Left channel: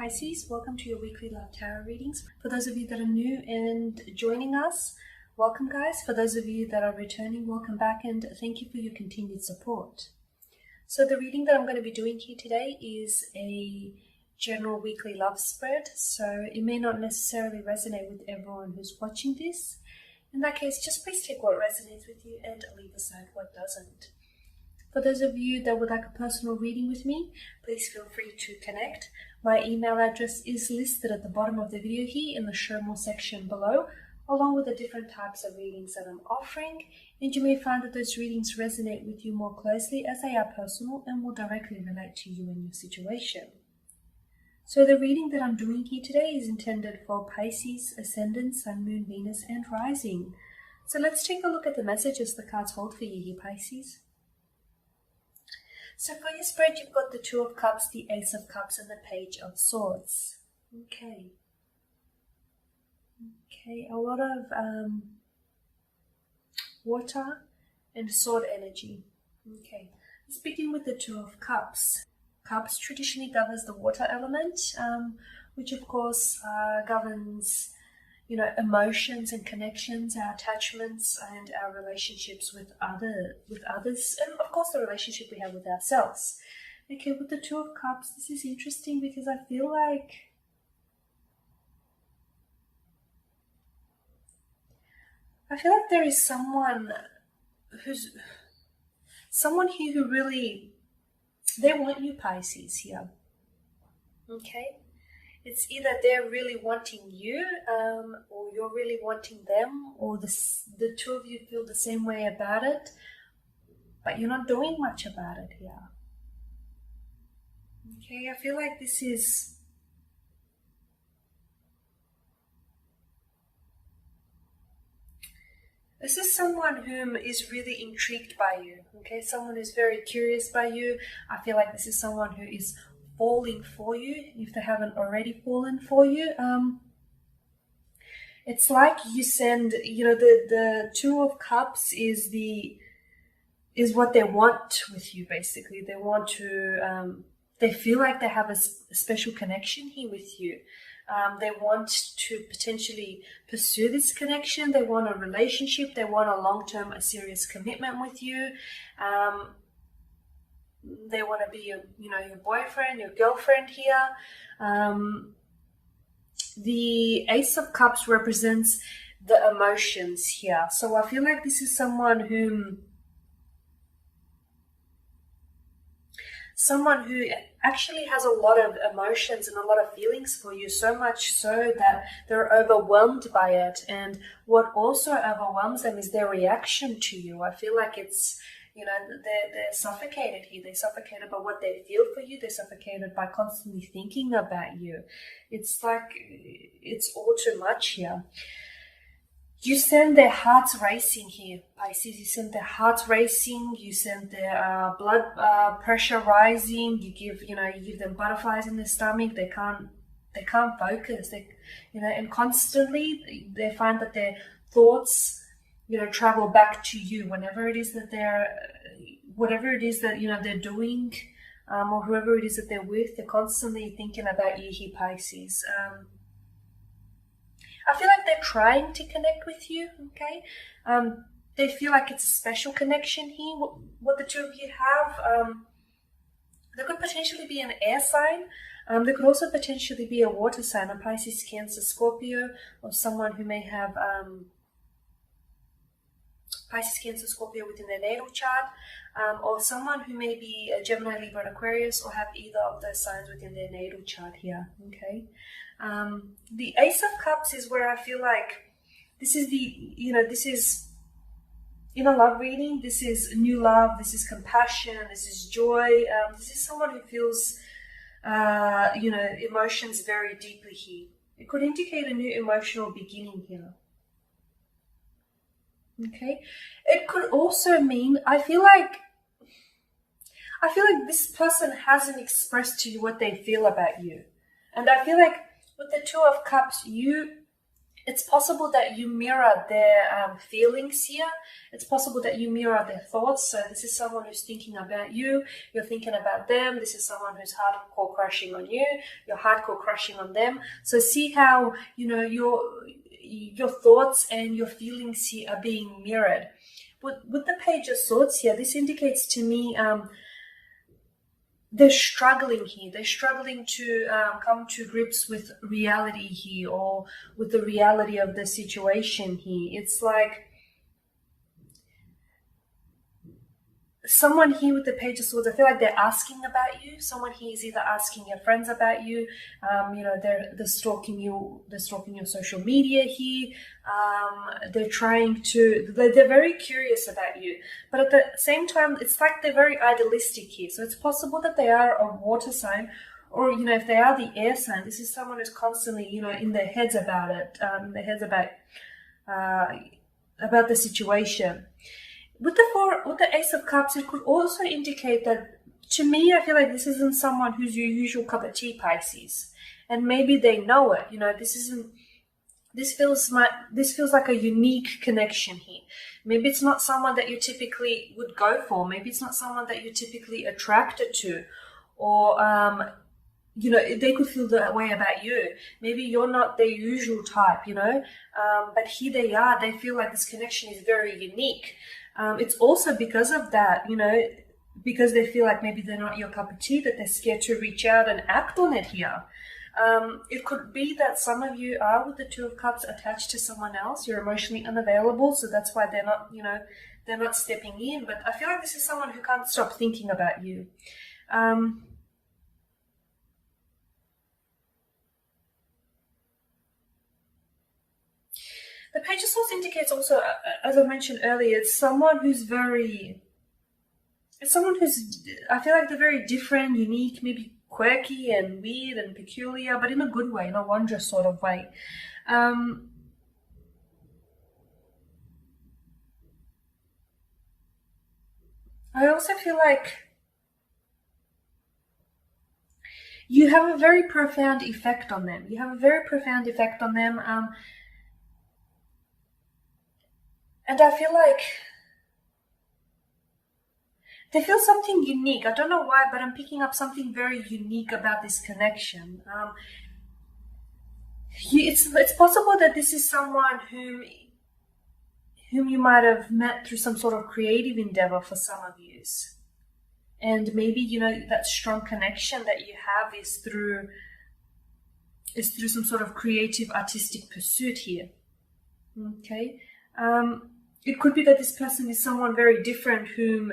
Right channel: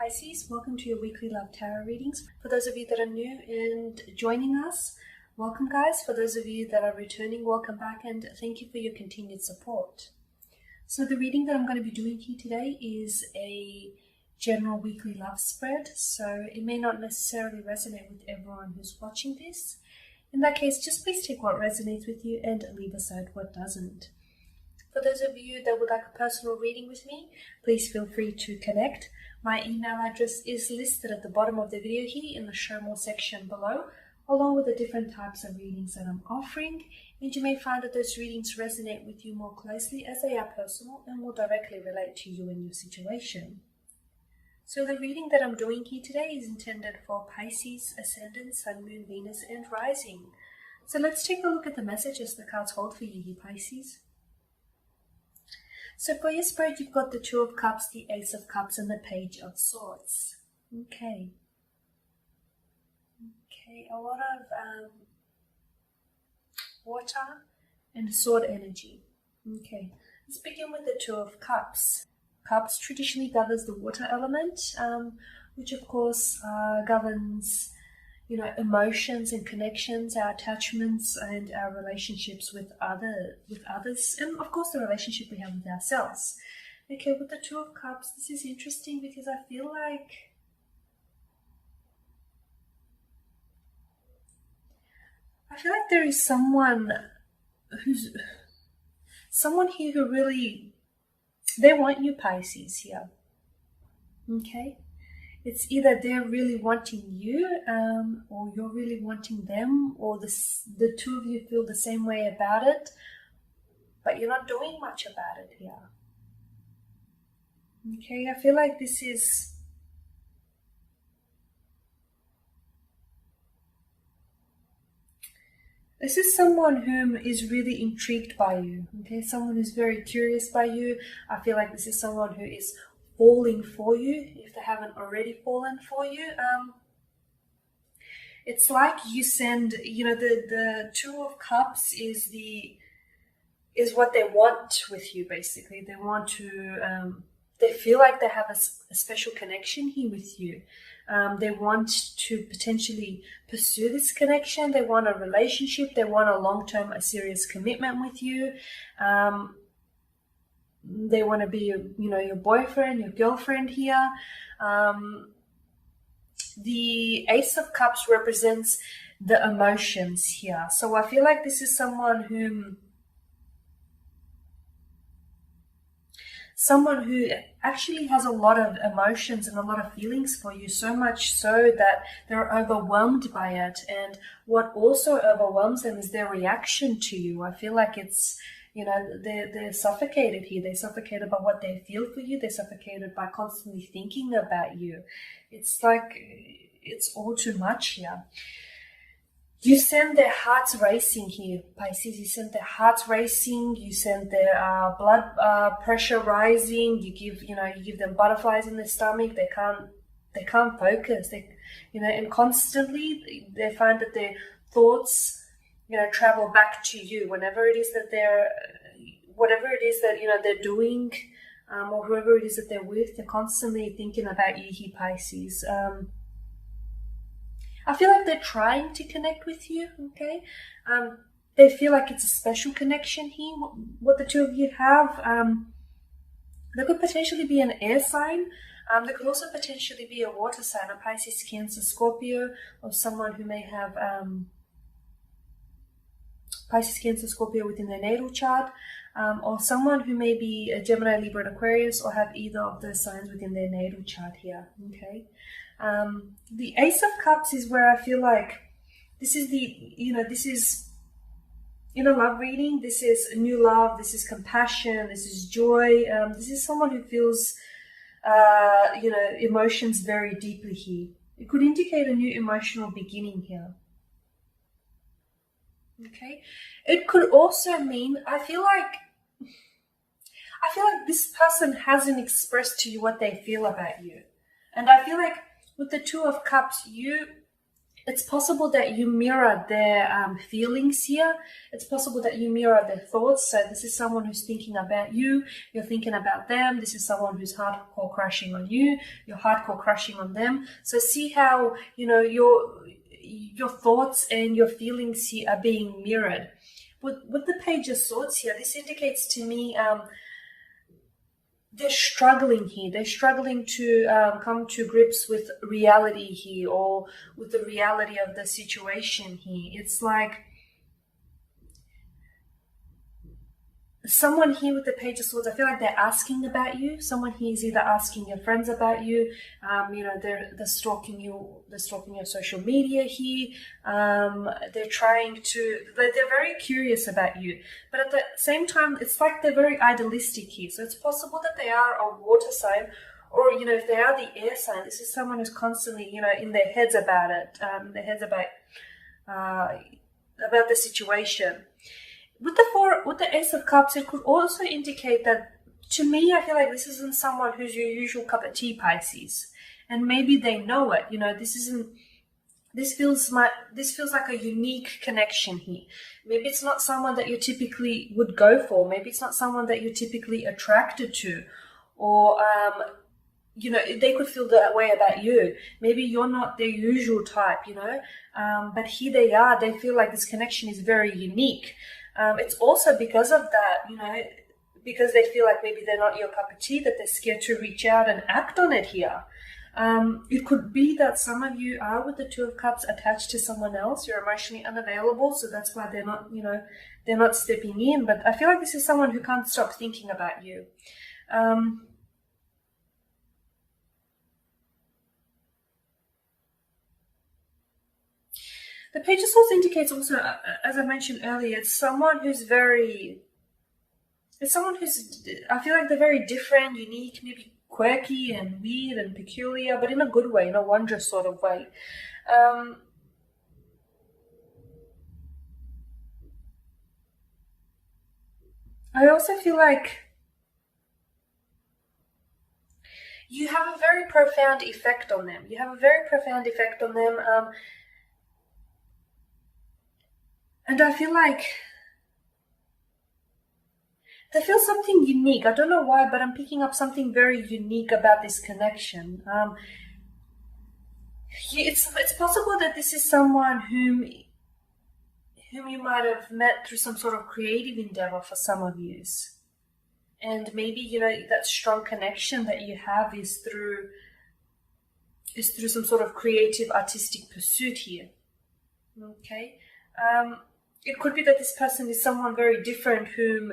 Pisces, welcome to your weekly love tarot readings. For those of you that are new and joining us, welcome guys. For those of you that are returning, welcome back and thank you for your continued support. So the reading that I'm going to be doing here today is a general weekly love spread, so it may not necessarily resonate with everyone who's watching this. In that case, just please take what resonates with you and leave aside what doesn't. For those of you that would like a personal reading with me, please feel free to connect. My email address is listed at the bottom of the video here in the show more section below, along with the different types of readings that I'm offering, and you may find that those readings resonate with you more closely as they are personal and will directly relate to you and your situation. So the reading that I'm doing here today is intended for Pisces, Ascendant, Sun, Moon, Venus, and Rising. So let's take a look at the messages the cards hold for you here, Pisces. So for your spread, you've got the Two of Cups, the Ace of Cups, and the Page of Swords. Okay, a lot of water and sword energy. Okay, let's begin with the Two of Cups. Cups traditionally governs the water element, which of course governs, emotions and connections, our attachments and our relationships with others, and of course the relationship we have with ourselves. Okay, with the Two of Cups, this is interesting because I feel like there is someone here who really, they want you, Pisces, here. Okay, it's either they're really wanting you, or you're really wanting them, or the two of you feel the same way about it, but you're not doing much about it here. Okay, I feel like this is someone whom is really intrigued by you. Okay, someone who's very curious by you. I feel like this is someone who is falling for you, if they haven't already fallen for you. It's like you send, the Two of Cups is what they want with you, basically. They want to, they feel like they have a special connection here with you. They want to potentially pursue this connection. They want a relationship. They want a long-term, a serious commitment with you. They want to be, your boyfriend, your girlfriend here. The Ace of Cups represents the emotions here. So I feel like this is someone who actually has a lot of emotions and a lot of feelings for you, so much so that they're overwhelmed by it. And what also overwhelms them is their reaction to you. I feel like it's, they're suffocated here. They're suffocated by what they feel for you. They're suffocated by constantly thinking about you. It's like, it's all too much here. You send their hearts racing here, Pisces. You send their hearts racing. You send their blood pressure rising. You give them butterflies in their stomach. They can't focus. And constantly they find that their thoughts, travel back to you whenever it is that whatever it is that they're doing, or whoever it is that they're with. They're constantly thinking about you here, Pisces. I feel like they're trying to connect with you, okay? They feel like it's a special connection here, what the two of you have. There could potentially be an air sign. There could also potentially be a water sign, a Pisces, Cancer, Scorpio, or someone who may have Pisces, Cancer, Scorpio within their natal chart, or someone who may be a Gemini, Libra, and Aquarius, or have either of those signs within their natal chart here, okay? The Ace of Cups is where I feel like this is this is in a love reading. This is new love. This is compassion. This is joy. This is someone who feels, emotions very deeply here. It could indicate a new emotional beginning here. Okay. It could also mean, I feel like this person hasn't expressed to you what they feel about you. And I feel like with the Two of Cups, you It's possible that you mirror their feelings here. It's possible that you mirror their thoughts. So this is someone who's thinking about you. You're thinking about them. This is someone who's hardcore crushing on you. You're hardcore crushing on them. So see how, your thoughts and your feelings here are being mirrored. With the Page of Swords here, this indicates to me they're struggling here. They're struggling to come to grips with reality here, or with the reality of the situation here. It's like someone here with the Page of Swords, I feel like they're asking about you. Someone here is either asking your friends about you, they're stalking you, they're stalking your social media here. They're very curious about you. But at the same time, it's like they're very idealistic here. So it's possible that they are a water sign, or, if they are the air sign, this is someone who's constantly, in their heads about it, about the situation. With the Ace of Cups, it could also indicate that, to me, I feel like this isn't someone who's your usual cup of tea, Pisces, and maybe they know it. This feels like a unique connection here. Maybe it's not someone that you typically would go for. Maybe it's not someone that you're typically attracted to, or they could feel that way about you. Maybe you're not their usual type, but here they are. They feel like this connection is very unique. It's also because of that, because they feel like maybe they're not your cup of tea, that they're scared to reach out and act on it here. It could be that some of you are, with the Two of Cups, attached to someone else. You're emotionally unavailable, so that's why they're not stepping in. But I feel like this is someone who can't stop thinking about you. The Page of Swords indicates also, as I mentioned earlier, it's someone who's I feel like they're very different, unique, maybe quirky and weird and peculiar, but in a good way, in a wondrous sort of way. I also feel like you have a very profound effect on them. And I feel like they feel something unique. I don't know why, but I'm picking up something very unique about this connection. It's possible that this is someone whom you might have met through some sort of creative endeavor for some of you. And maybe, that strong connection that you have is through some sort of creative, artistic pursuit here. Okay? It could be that this person is someone very different whom,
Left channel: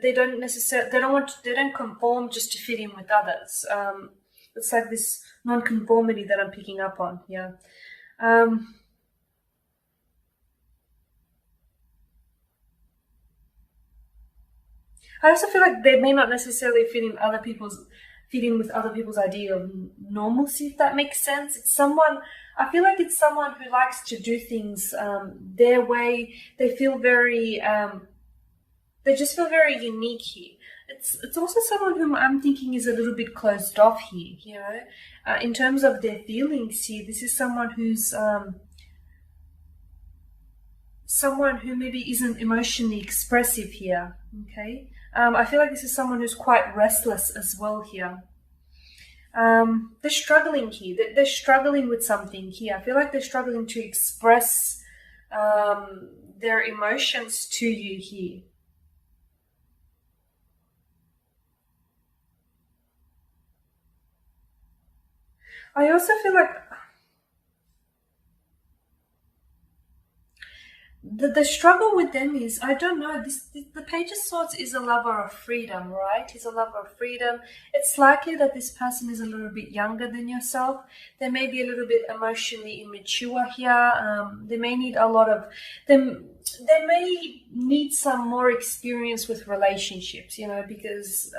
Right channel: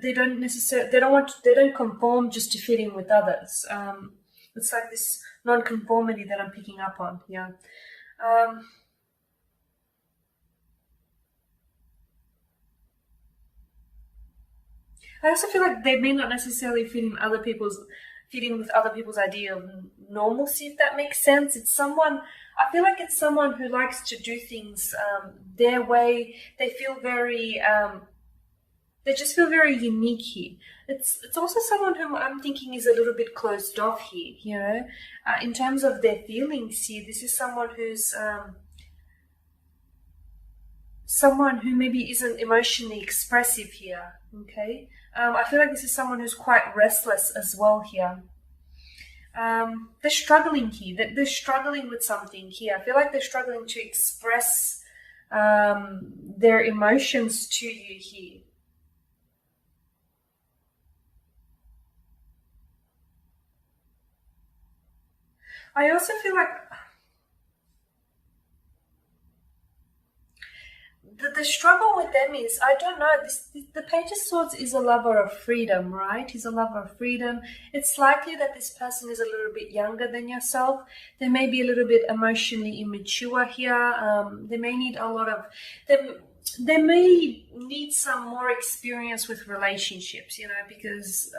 they don't conform just to fit in with others. It's like this non-conformity that I'm picking up on. Yeah. I also feel like they may not necessarily fit in with other people's idea of normalcy, if that makes sense. I feel like it's someone who likes to do things their way. They just feel very unique here. It's also someone whom I'm thinking is a little bit closed off here, in terms of their feelings here. This is someone who's someone who maybe isn't emotionally expressive here, okay? I feel like this is someone who's quite restless as well here. They're struggling here. They're struggling with something here. I feel like they're struggling to express their emotions to you here. I also feel like the struggle with them is, I don't know, the Page of Swords is a lover of freedom, right? He's a lover of freedom. It's likely that this person is a little bit younger than yourself. They may be a little bit emotionally immature here. They may need they may need some more experience with relationships, because,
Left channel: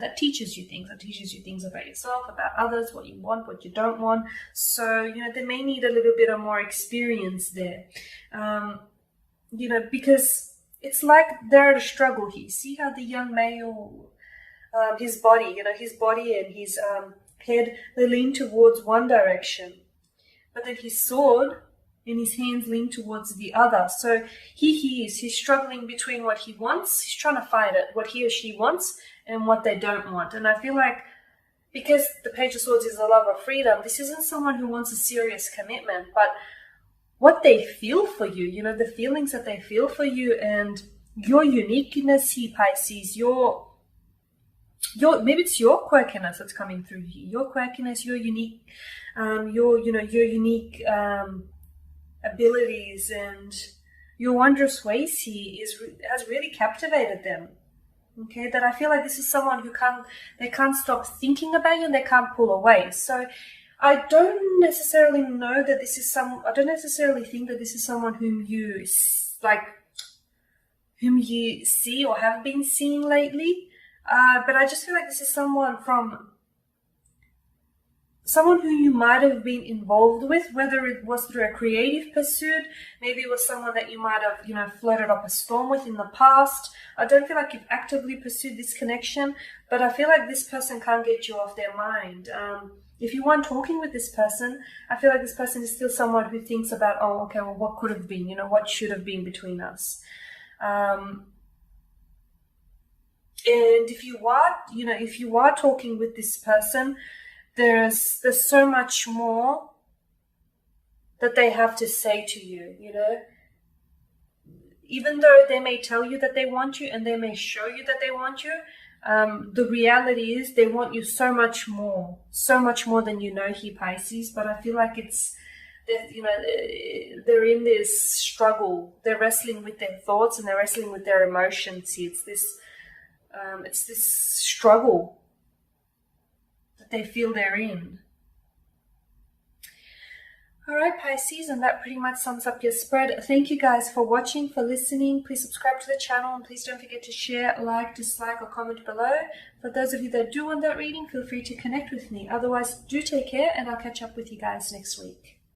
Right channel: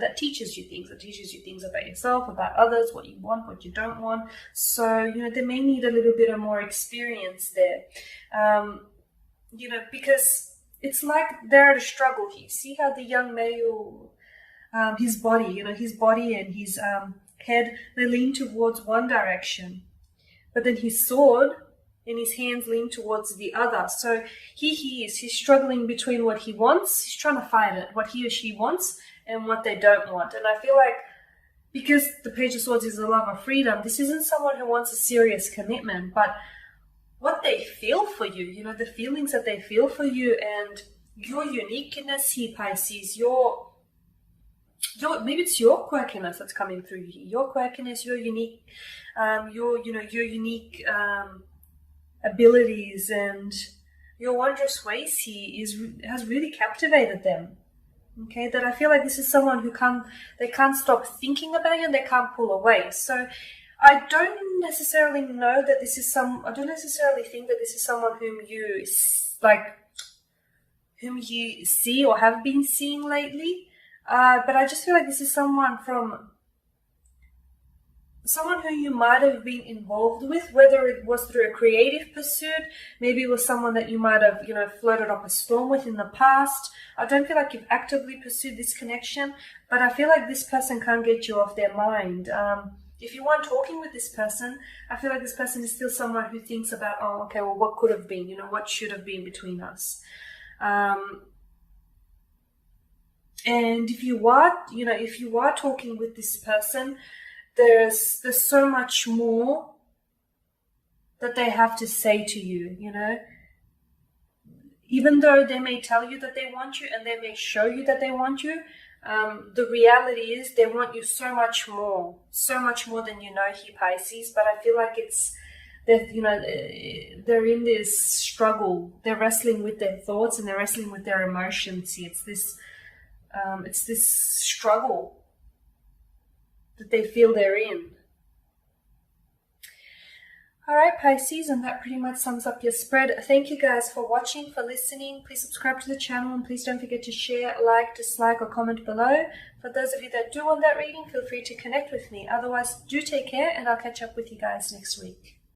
that teaches you things. That teaches you things about yourself, about others, what you want, what you don't want. So, they may need a little bit of more experience there. Because it's like they're at a struggle here. See how the young male, his body and his head, they lean towards one direction. But then his sword, and his hands lean towards the other. So he's struggling between what he wants. He's trying to fight it, what he or she wants and what they don't want. And I feel like because the Page of Swords is a love of freedom, this isn't someone who wants a serious commitment, but what they feel for you, you know, the feelings that they feel for you and your uniqueness here, Pisces, your maybe it's your quirkiness that's coming through here. Your quirkiness, your unique, your unique abilities and your wondrous ways here has really captivated them. Okay, that I feel like this is someone who they can't stop thinking about you and they can't pull away. So I don't necessarily know that this is I don't necessarily think that this is someone whom you see or have been seeing lately. But I just feel like this is someone who you might have been involved with, whether it was through a creative pursuit, maybe it was someone that you might have, flirted up a storm with in the past. I don't feel like you've actively pursued this connection, but I feel like this person can't get you off their mind. If you weren't talking with this person, I feel like this person is still someone who thinks about, oh, okay, well, what could have been, what should have been between us. And if you are talking with this person, there's so much more that they have to say to you, Even though they may tell you that they want you and they may show you that they want you, the reality is they want you so much more than you know here, Pisces. But I feel like they're in this struggle. They're wrestling with their thoughts and they're wrestling with their emotions here. It's this struggle that they feel they're in. All right, Pisces, and that pretty much sums up your spread. Thank you guys for watching, for listening. Please subscribe to the channel and please don't forget to share, like, dislike, or comment below. For those of you that do want that reading, feel free to connect with me. Otherwise, do take care and I'll catch up with you guys next week.